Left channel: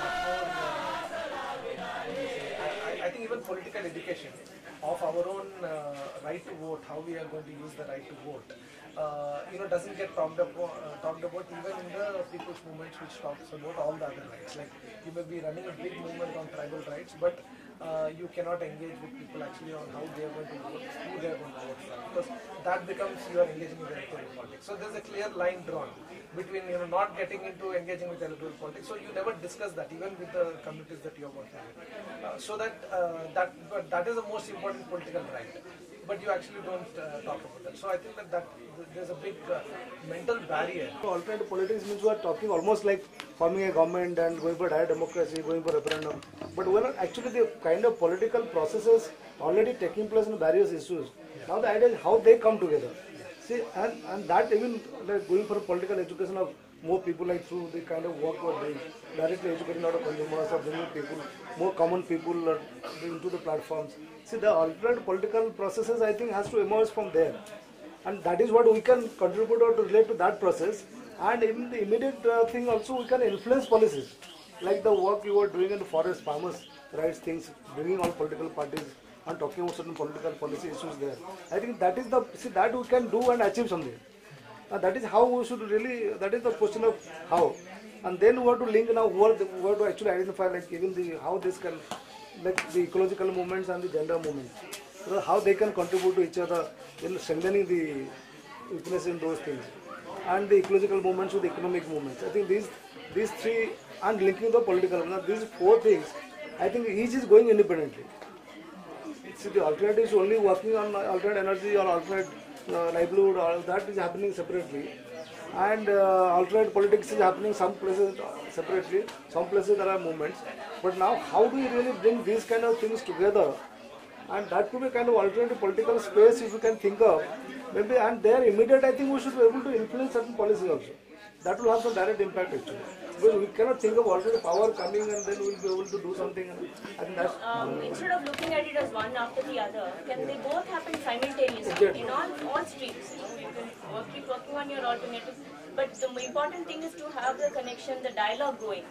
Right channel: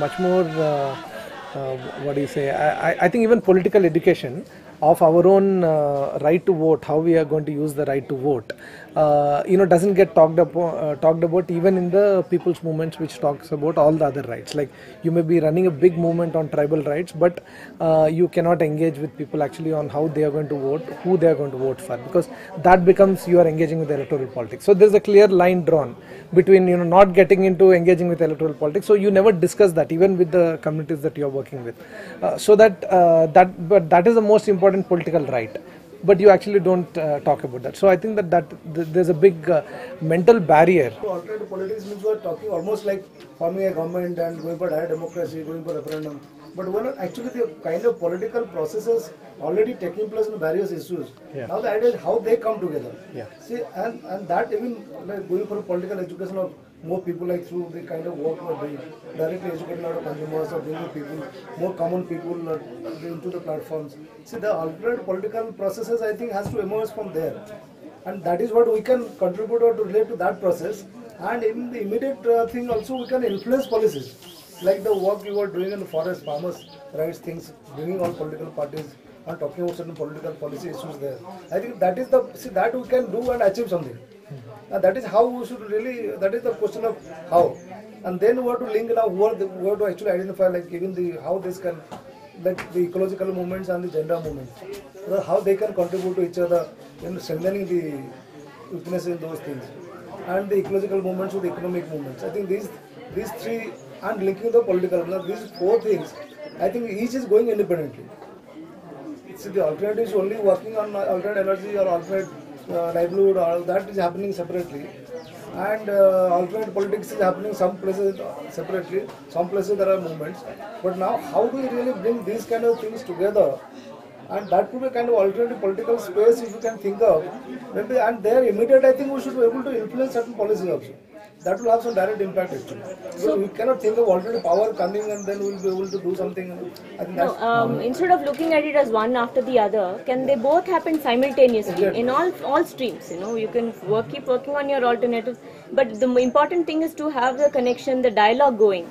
Much more, what do you say, I think even political education of our own right to vote, how we are going to use the right to vote, doesn't get talked about even in the people's movements, which talks about all the other rights. Like, you may be running a big movement on tribal rights, but you cannot engage with people actually on how they are going to vote, who they are going to vote for, because that becomes you are engaging with electoral politics. So there's a clear line drawn between not getting into engaging with electoral politics. So you never discuss that even with the communities that you are working with. But that is the most important political right. But you actually don't talk about that. So I think that there's a big mental barrier. Alternative politics means we are talking almost like forming a government and going for direct democracy, going for referendum. But when actually the kind of political processes already taking place in various issues. Yeah. Now the idea is how they come together. Yeah. See, and that even like going for political education of more people, like through the kind of work we're doing, directly educating a lot of consumers or bringing people, more common people into the platforms. See, the alternate political processes, I think, has to emerge from there. And that is what we can contribute or to relate to that process. And even the immediate thing also, we can influence policies. Like the work you are doing in the forest, farmers' rights things, bringing on political parties and talking about certain political policy issues there. I think that is that we can do and achieve something. And that is how we should really, that is the question of how. And then we have to link now, we have to actually identify like even how this can, like the ecological movements and the gender movements, how they can contribute to each other in strengthening the weakness in those things. And the ecological movements with the economic movements. I think these three, and linking the political, these four things, I think each is going independently. See, the alternative is only working on alternate energy or alternate livelihood, all that is happening separately. And alternate politics is happening some places separately, some places there are movements. But now how do we really bring these kind of things together? And that could be a kind of alternative political space if you can think of. Maybe, and there immediate, I think we should be able to influence certain policies also. That will have some direct impact actually. So we cannot think of alternative power coming and then we will be able to do something. I think instead of looking at it as one after the other, can they both happen simultaneously in all streams? You can keep working on your alternatives, but the important thing is to have the connection, the dialogue going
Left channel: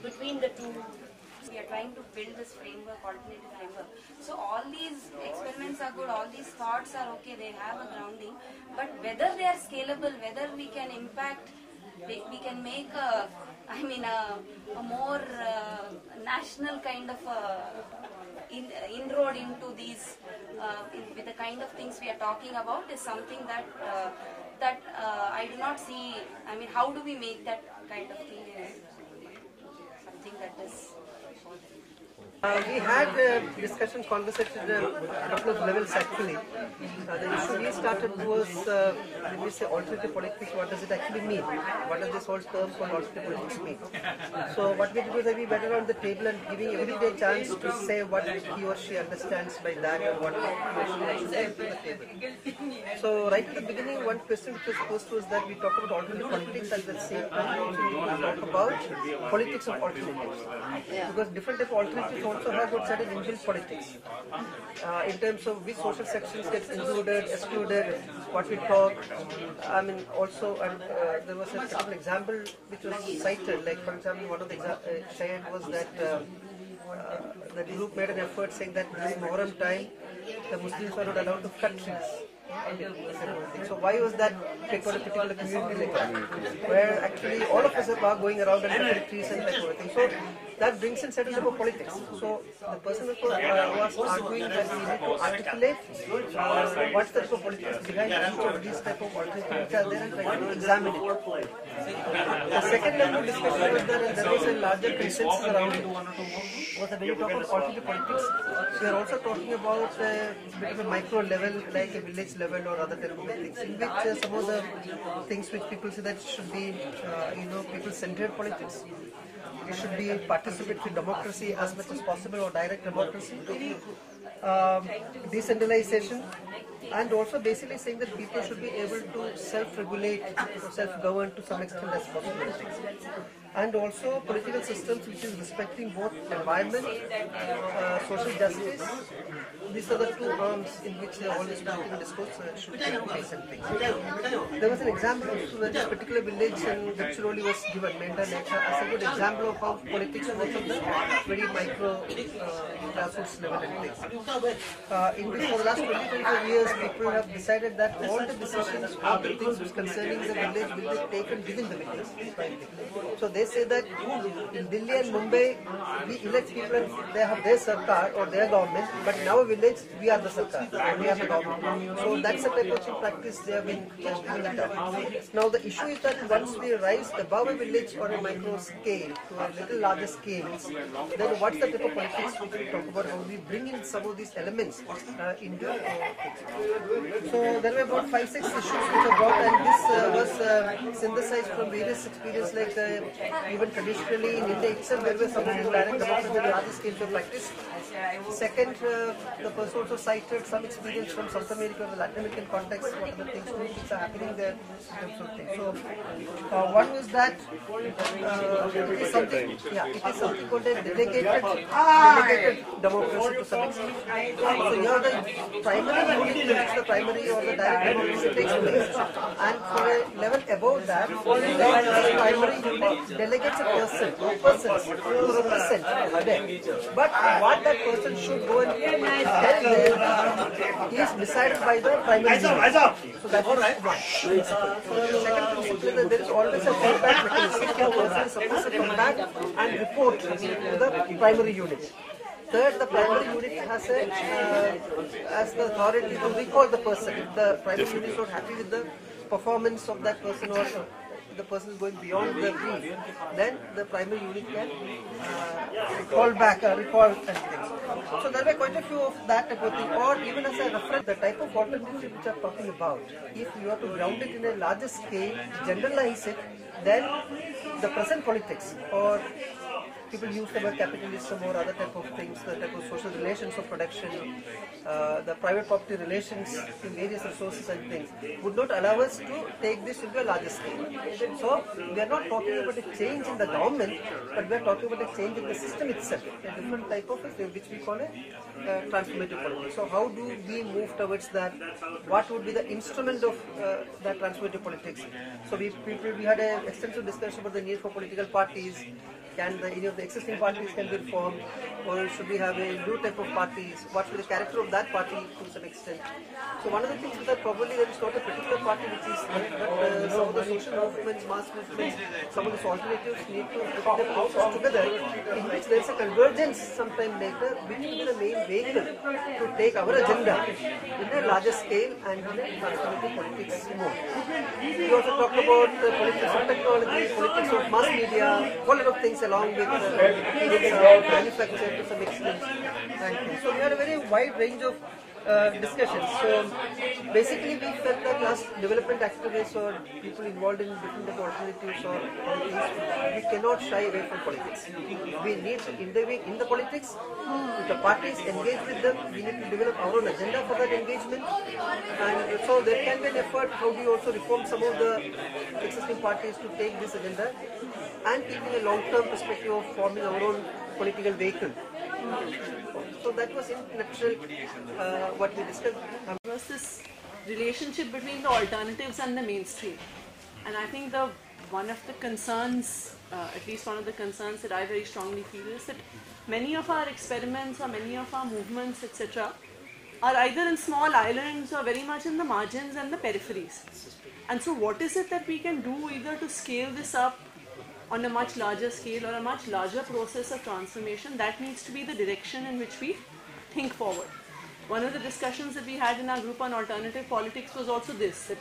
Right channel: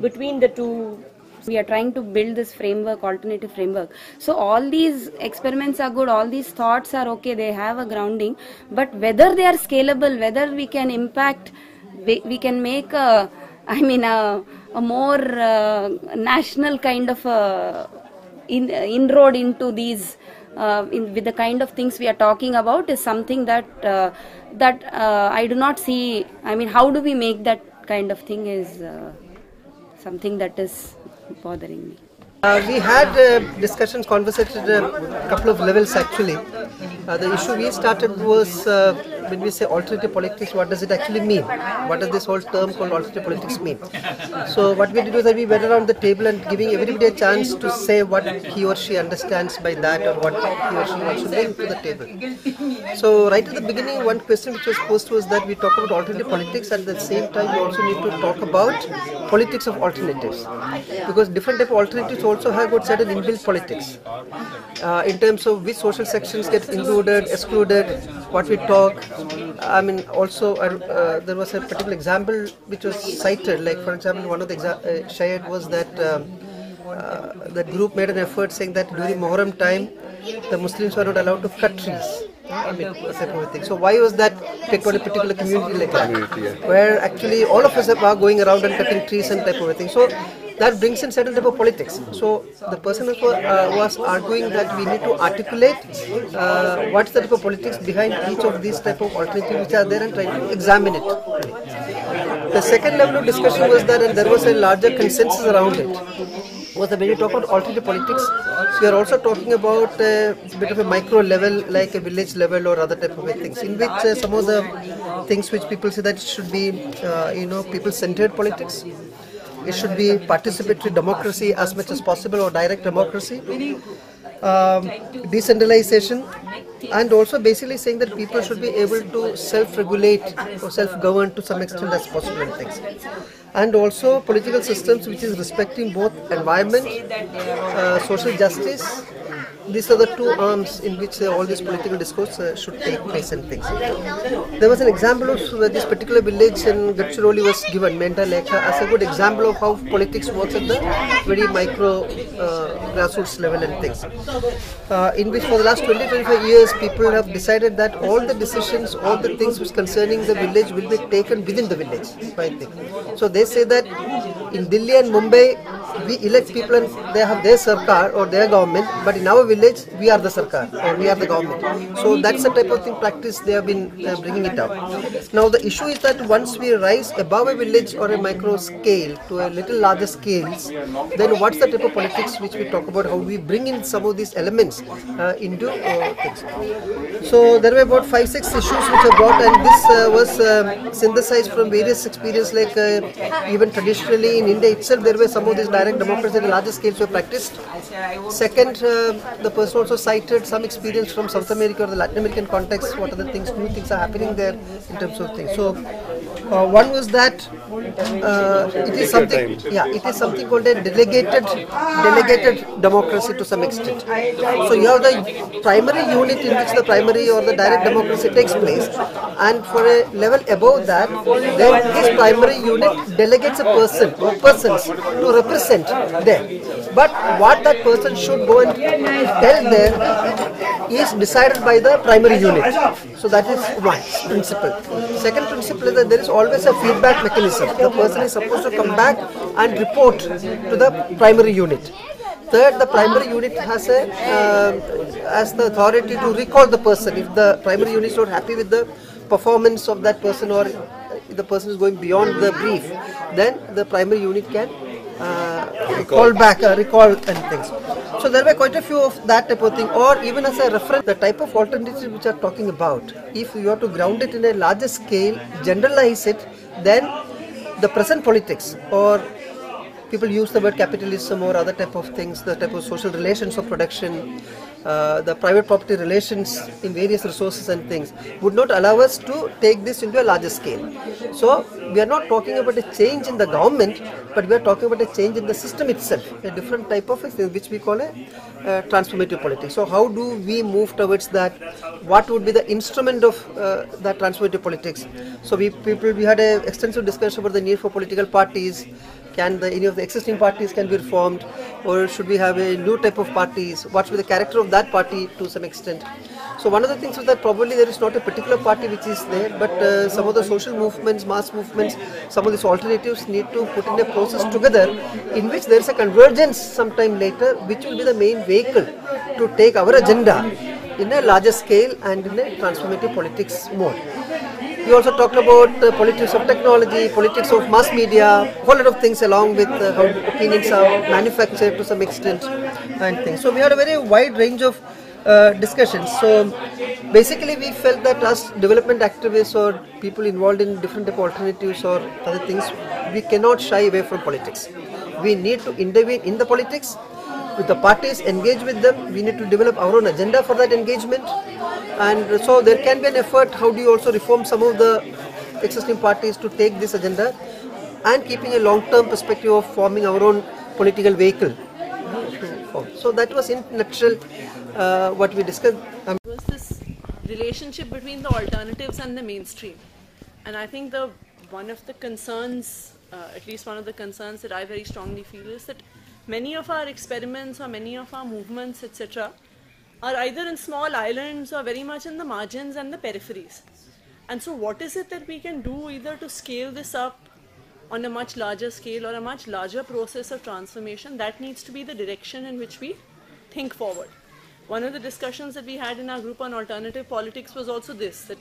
between the two. We are trying to build this framework, alternative framework. So all these experiments are good, all these thoughts are okay, they have a grounding, but whether they are scalable, whether we can impact, we can make a more national kind of inroad into these, with the kind of things we are talking about, is something that I do not see. How do we make that kind of thing is something that is bothering me. We had discussions, conversations at a couple of levels actually. The issue we started was when we say alternative politics, what does it actually mean? What does this whole term called alternative politics mean? So what we did was that we went around the table and giving everybody a chance to say what he or she understands by that or what he or she wants to bring to the table. So right at the beginning, one question which was posed was that we talk about alternative politics, at the same time we also need to talk about politics of alternatives, because different type of alternatives also have got certain inbuilt politics in terms of which social sections get included, excluded, what we talk. Also there was a particular example which was cited, like for example one of the shared was that that group made an effort saying that during Muharram time the Muslims were not allowed to cut trees. So why was that picked on a particular community like that, where actually all of us are going around and cutting trees and type of thing. So that brings in certain type of politics. So the person was arguing that we need to articulate what's the type of politics behind each of these type of alternatives which are there and try to examine it. The second level of discussion was that, and there was a larger consensus around it, was that when you talk about alternative politics, we are also talking about a bit of a micro level, like a village level or other type of things, in which some of the things which people say that it should be, people-centered politics. It should be participatory democracy as much as possible, or direct democracy, decentralization, and also basically saying that people should be able to self-regulate or self-govern to some extent as possible and things. And also political systems which is respecting both environment, social justice, these are the two arms in which all this political discourse should take place and things. There was an example of this particular village in Gadchiroli was given, Menta Lekha, as a good example of how politics works at the very micro grassroots level and things. In which for the last 20-25 years, people have decided that all the decisions, all the things which concerning the village will be taken within the village. I think. So they say that in Delhi and Mumbai, we elect people and they have their sarkar or their government, but in our village, we are the sarkar or we are the government. So that's the type of thing practice they have been bringing it out. Now the issue is that once we rise above a village or a micro scale to a little larger scales, then what's the type of politics which we talk about, how we bring in some of these elements into things. So there were about 5-6 issues which are brought, and this was synthesized from various experiences, like even traditionally in India itself there were some of these direct democracy at a larger scale were practiced. Second, the person also cited some experience from South America or the Latin American context, what are the things, new things are happening there in terms of things. So one was that it is something called a delegated democracy to some extent. So you have the primary unit in which the primary or the direct democracy takes place, and for a level above that, then this primary unit delegates a person or persons to represent there. But what that person should go and tell there is decided by the primary unit. So that is one principle. Second principle is that there is always a feedback mechanism. The person is supposed to come back and report to the primary unit. Third, the primary unit has the authority to recall the person. If the primary unit is not happy with the performance of that person, or if the person is going beyond the brief, then the primary unit can recall and things. So there were quite a few of that type of thing, or even as a reference, the type of alternatives which are talking about, if you have to ground it in a larger scale, generalize it, then the present politics, or people use the word capitalism or other type of things, the type of social relations of production, the private property relations in various resources and things, would not allow us to take this into a larger scale. So we are not talking about a change in the government, but we are talking about a change in the system itself, a different type of thing which we call a transformative politics. So how do we move towards that? What would be the instrument of that transformative politics? So we had an extensive discussion about the need for political parties. Can any of the existing parties can be reformed, or should we have a new type of parties? What should be the character of that party to some extent? So one of the things is that probably there is not a particular party which is there, but some of the social movements, mass movements, some of these alternatives need to put in a process together in which there is a convergence sometime later, which will be the main vehicle to take our agenda in a larger scale and in a transformative politics mode. We also talked about politics of technology, politics of mass media, a whole lot of things along with how opinions are manufactured to some extent and things. So we had a very wide range of discussions. So basically we felt that as development activists or people involved in different type of alternatives or other things, we cannot shy away from politics. We need to intervene in the politics with the parties, engage with them. We need to develop our own agenda for that engagement, and so there can be an effort. How do you also reform some of the existing parties to take this agenda, and keeping a long-term perspective of forming our own political vehicle. So that was in a nutshell what we discussed. This relationship between the alternatives and the mainstream, and I think one of the concerns, at least one of the concerns that I very strongly feel, is that many of our experiments or many of our movements, etc., are either in small islands or very much in the margins and the peripheries. And so what is it that we can do either to scale this up on a much larger scale or a much larger process of transformation? That needs to be the direction in which we think forward. One of the discussions that we had in our group on alternative politics was also this, that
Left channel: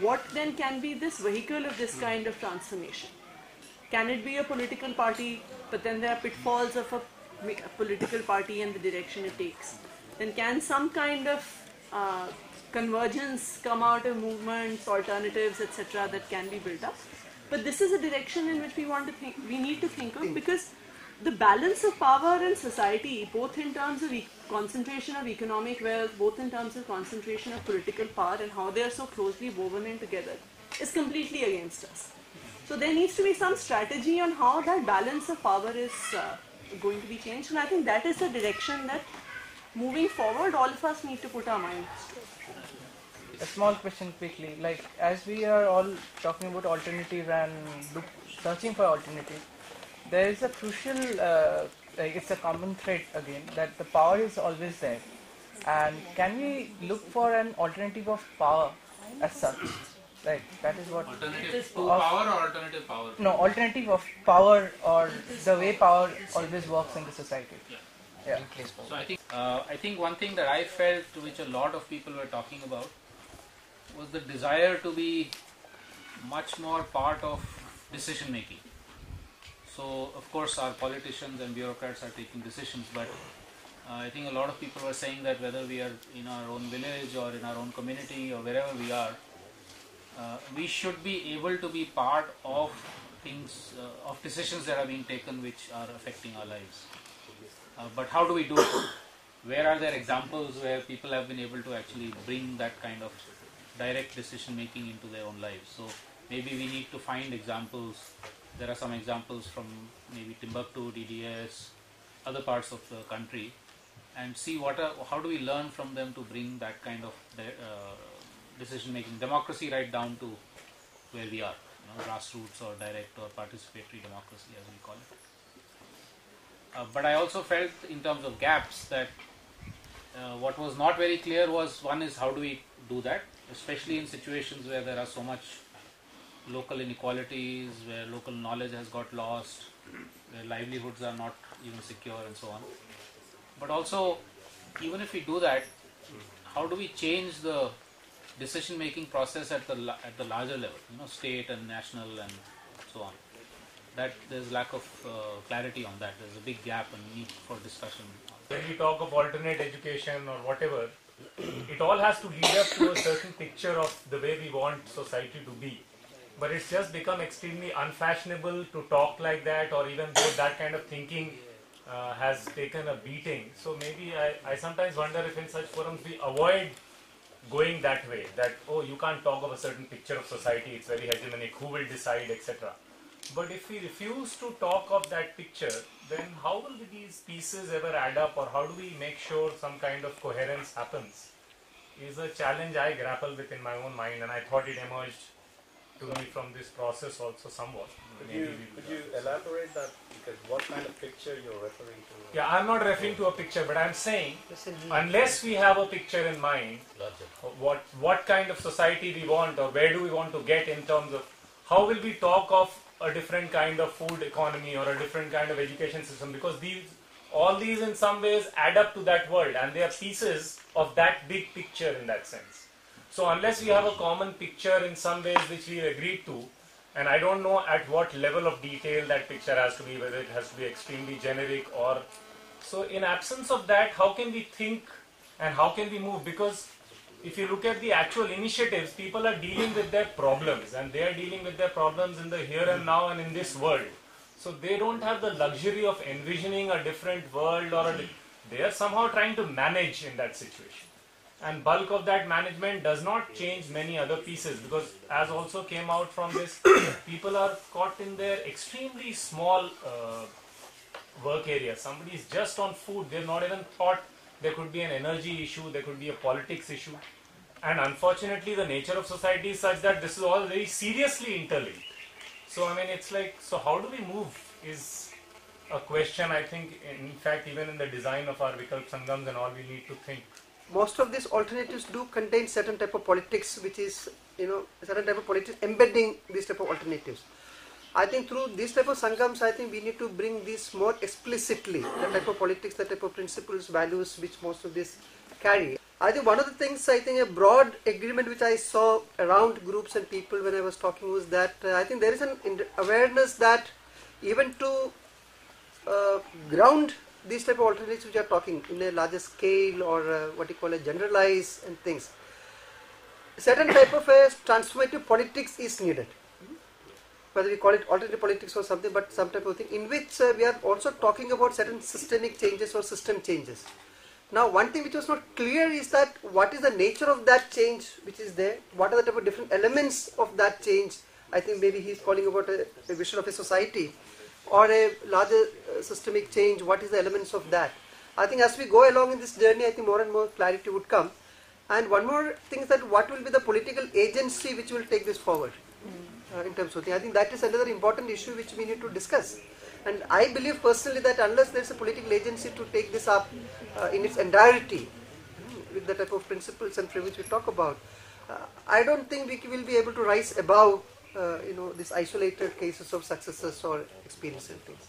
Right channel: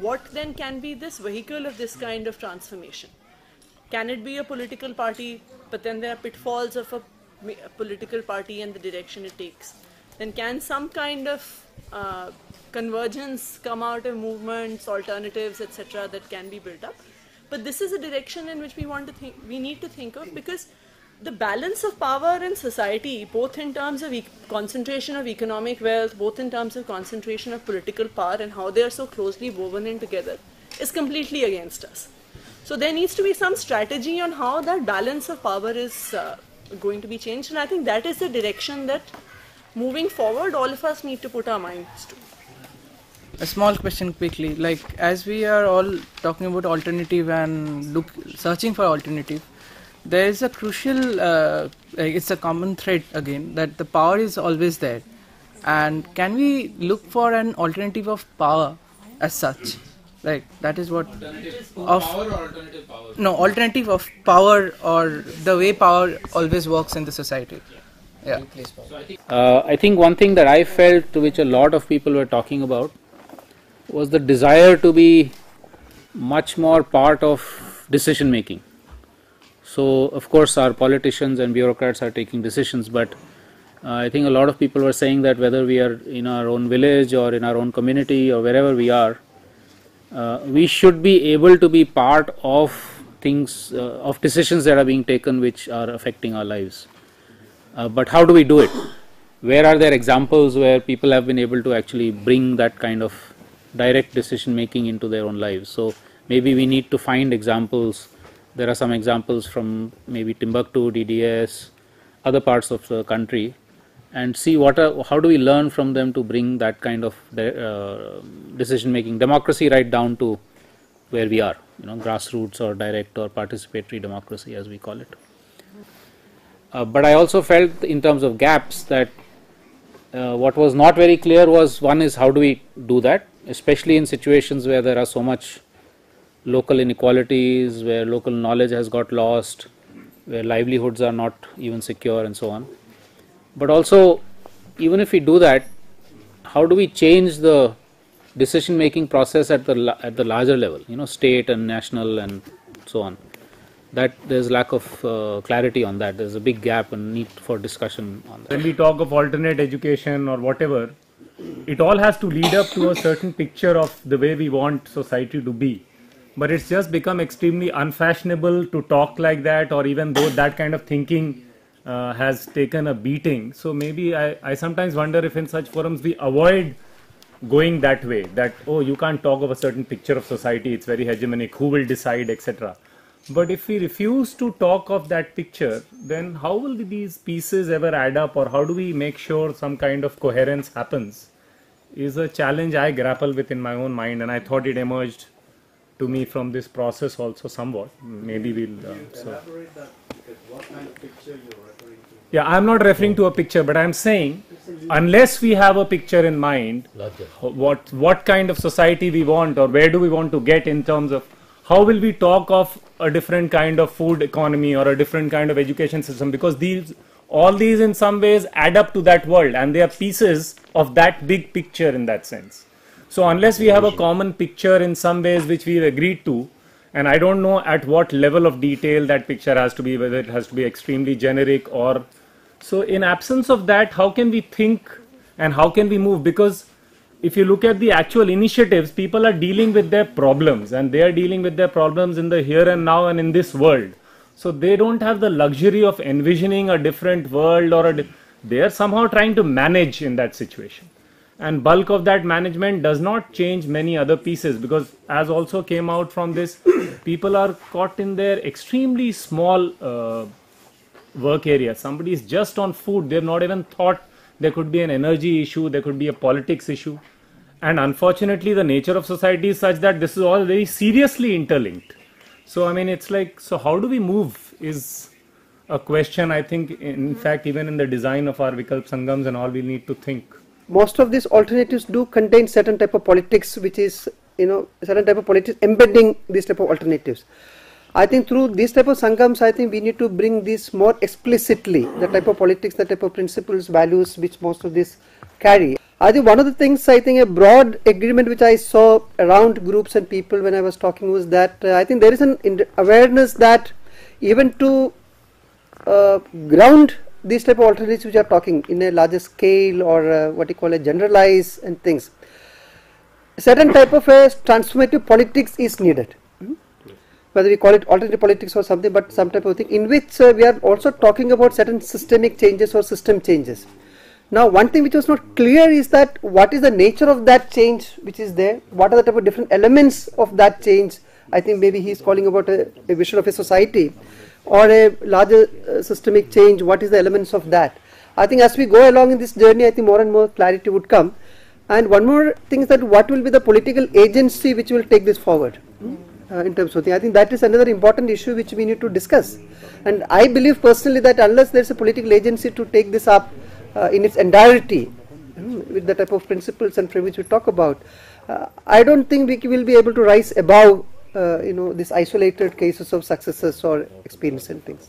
what then can be this vehicle of this kind of transformation? Can it be a political party, but then there are pitfalls of a political party and the direction it takes? Then can some kind of convergence come out of movements, alternatives, etc., that can be built up? But this is a direction in which we need to think of, because the balance of power in society, both in terms of concentration of economic wealth, both in terms of concentration of political power and how they are so closely woven in together, is completely against us. So there needs to be some strategy on how that balance of power is going to be changed, and I think that is the direction that moving forward, all of us need to put our minds to. A small question quickly, like as we are all talking about alternative and searching for alternative, there is a crucial, it's a common thread again, that the power is always there. And can we look for an alternative of power as such? Like that is what alternative of power or alternative power? No, alternative of power, or the way power always works in the society. Yeah. So I think one thing that I felt, which a lot of people were talking about, was the desire to be much more part of decision making. So of course our politicians and bureaucrats are taking decisions, but I think a lot of people were saying that whether we are in our own village or in our own community or wherever we are, we should be able to be part of things, of decisions that are being taken which are affecting our lives. But how do we do it? Where are there examples where people have been able to actually bring that kind of direct decision making into their own lives? So maybe we need to find examples. There are some examples from maybe Timbuktu, DDS, other parts of the country, and see how do we learn from them to bring that kind of decision making, democracy right down to where we are, grassroots or direct or participatory democracy as we call it. But I also felt in terms of gaps that what was not very clear was, one is how do we do that, especially in situations where there are so much local inequalities, where local knowledge has got lost, where livelihoods are not even secure and so on. But also, even if we do that, how do we change the decision making process at the larger level, state and national and so on? That there's lack of clarity on that. There's a big gap and need for discussion on that. When we talk of alternate education or whatever, it all has to lead up to a certain picture of the way we want society to be. But it's just become extremely unfashionable to talk like that, or even though that kind of thinking has taken a beating. So maybe I sometimes wonder if in such forums we avoid going that way, that, oh, you can't talk of a certain picture of society, it's very hegemonic, who will decide, etc. But if we refuse to talk of that picture, then how will these pieces ever add up, or how do we make sure some kind of coherence happens, is a challenge I grapple with in my own mind, and I thought it emerged to me from this process also somewhat. Maybe we'll... elaborate that, what kind of picture you're referring to? Yeah, I'm not referring to a picture, but I'm saying unless we have a picture in mind, what kind of society we want, or where do we want to get in terms of how will we talk of a different kind of food economy or a different kind of education system, because all these in some ways add up to that world, and they are pieces of that big picture in that sense. So unless we have a common picture in some ways which we've agreed to, and I don't know at what level of detail that picture has to be, whether it has to be extremely generic or... So in absence of that, how can we think and how can we move? Because if you look at the actual initiatives, people are dealing with their problems, and they are dealing with their problems in the here and now and in this world. So they don't have the luxury of envisioning a different world, or they are somehow trying to manage in that situation. And bulk of that management does not change many other pieces, because as also came out from this, people are caught in their extremely small work area. Somebody is just on food, they've not even thought there could be an energy issue, there could be a politics issue. And unfortunately, the nature of society is such that this is all very seriously interlinked. So, I mean, it's like, so how do we move is a question, I think, in fact, even in the design of our Vikalp Sangams and all, we need to think. Most of these alternatives do contain certain type of politics, which is, certain type of politics embedding these type of alternatives. I think through these type of Sangams, I think we need to bring this more explicitly, the type of politics, the type of principles, values which most of this carry. I think one of the things, I think a broad agreement which I saw around groups and people when I was talking was that I think there is an awareness that even to ground these type of alternatives which are talking in a larger scale, or what you call a generalize and things, certain type of a transformative politics is needed. Whether we call it alternative politics or something, but some type of thing in which we are also talking about certain systemic changes or system changes. Now, one thing which was not clear is that what is the nature of that change which is there, what are the type of different elements of that change. I think maybe he is calling about a vision of a society or a larger systemic change, what is the elements of that. I think as we go along in this journey, I think more and more clarity would come. And one more thing is that what will be the political agency which will take this forward in terms of things. I think that is another important issue which we need to discuss. And I believe personally that unless there is a political agency to take this up in its entirety, with the type of principles and frameworks we talk about, I don't think we will be able to rise above these isolated cases of successes or experience and things.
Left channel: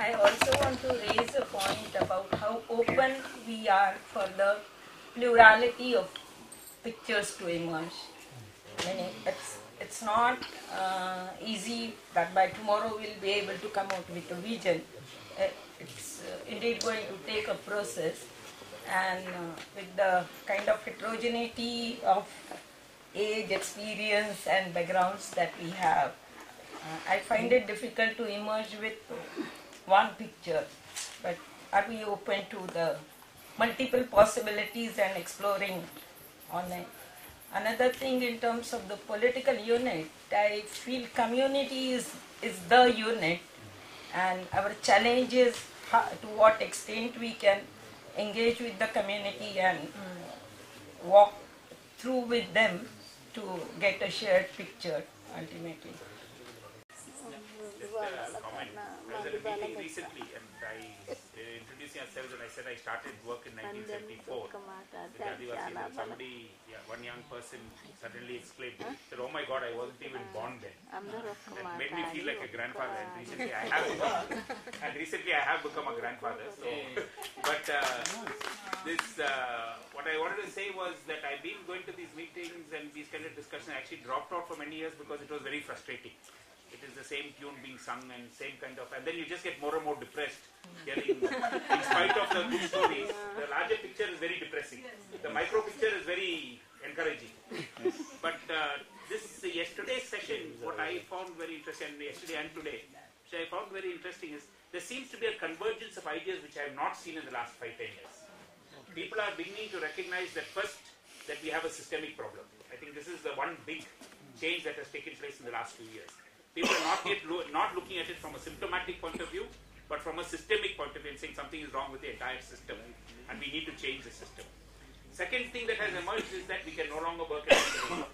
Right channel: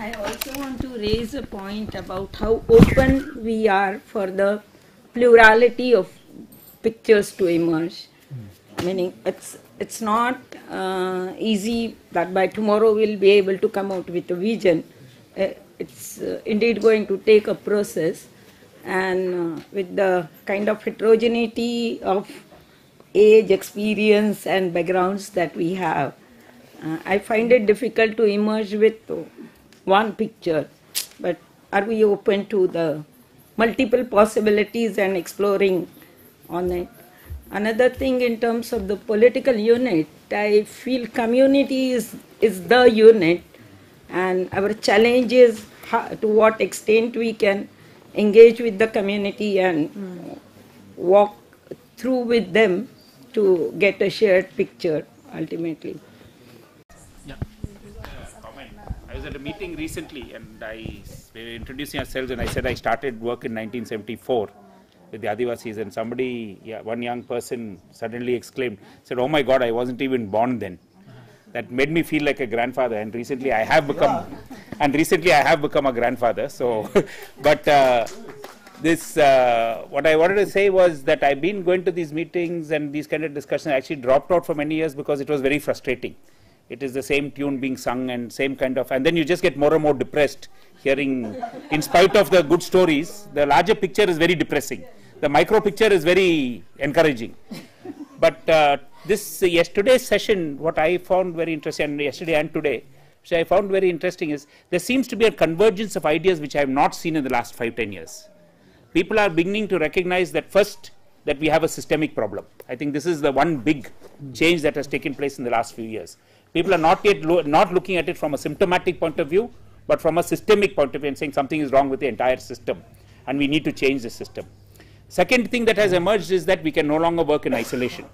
I also want to raise a point about how open we are for the plurality of pictures to emerge. Meaning it's not easy that by tomorrow we'll be able to come out with a vision. It's indeed going to take a process, and with the kind of heterogeneity of age, experience and backgrounds that we have, I find it difficult to emerge with one picture. But are we open to the multiple possibilities and exploring on it? Another thing in terms of the political unit, I feel community is the unit, and our challenge is to what extent we can engage with the community and walk through with them to get a shared picture ultimately. Yeah. I was at a meeting recently and we were introducing ourselves, and I said I started work in 1974 with the Adivasis, and somebody, one young person suddenly exclaimed, said, "Oh my God, I wasn't even born then." That made me feel like a grandfather, and recently I have become a grandfather. So, but what I wanted to say was that I've been going to these meetings and these kind of discussions. I actually dropped out for many years because it was very frustrating. It is the same tune being sung and same kind of, and then you just get more and more depressed hearing, in spite of the good stories, the larger picture is very depressing. The micro picture is very encouraging. But yesterday's session, what I found very interesting, and yesterday and today, which I found very interesting, is there seems to be a convergence of ideas which I have not seen in the last 5-10 years. People are beginning to recognize that first, that we have a systemic problem. I think this is the one big change that has taken place in the last few years. People are not yet not looking at it from a symptomatic point of view, but from a systemic point of view, and saying something is wrong with the entire system, and we need to change the system. Second thing that has emerged is that we can no longer work in isolation,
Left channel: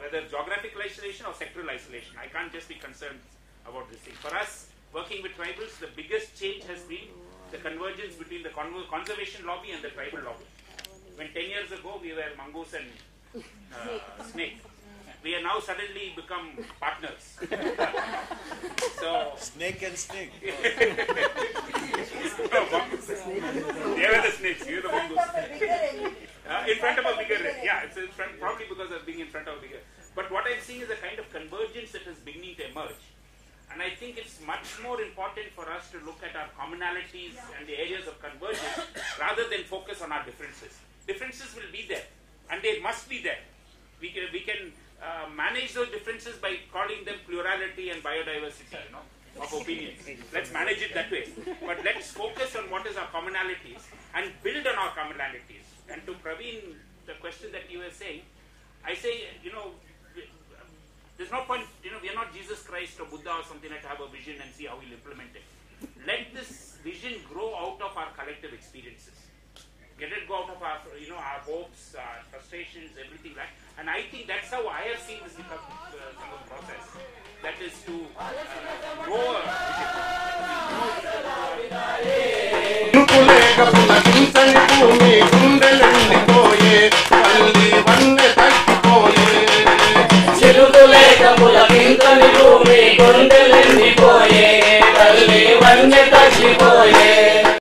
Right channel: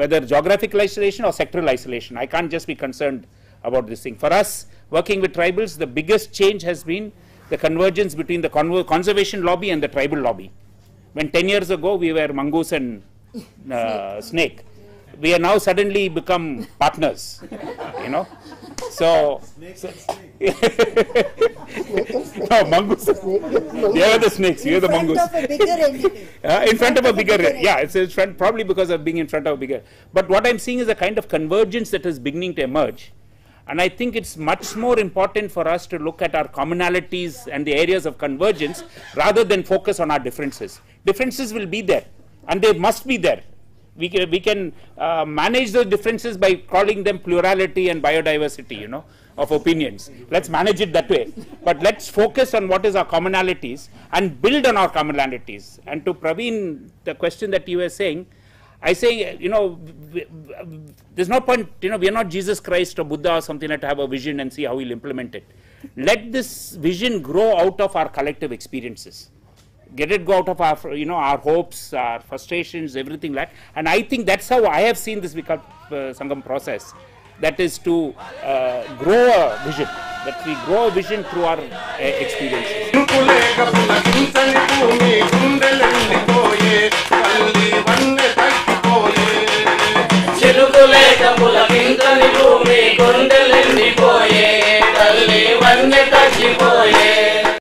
whether geographical isolation or sectoral isolation. I can't just be concerned about this thing. For us, working with tribals, the biggest change has been the convergence between the conservation lobby and the tribal lobby. When 10 years ago we were mongoose and snake, we are now suddenly become partners, So snakes and snakes. No, mongoose. You are the snakes. You are the mongoose. In front of a bigger. It's in front, probably because of being in front of a bigger. But what I'm seeing is a kind of convergence that is beginning to emerge, and I think it's much more important for us to look at our commonalities and the areas of convergence rather than focus on our differences. Differences will be there, and they must be there. We can manage those differences by calling them plurality and biodiversity, of opinions. Let's manage it that way. But let's focus on what is our commonalities and build on our commonalities. And to Praveen, the question that you were saying, I say, there's no point, we are not Jesus Christ or Buddha or something like to have a vision and see how we'll implement it. Let this vision grow out of our collective experiences. Get it go out of our, our hopes, our frustrations, everything like that. And I think that's how I have seen this Vikalp Sangam process. That is to grow a vision. That we grow a vision through our experience.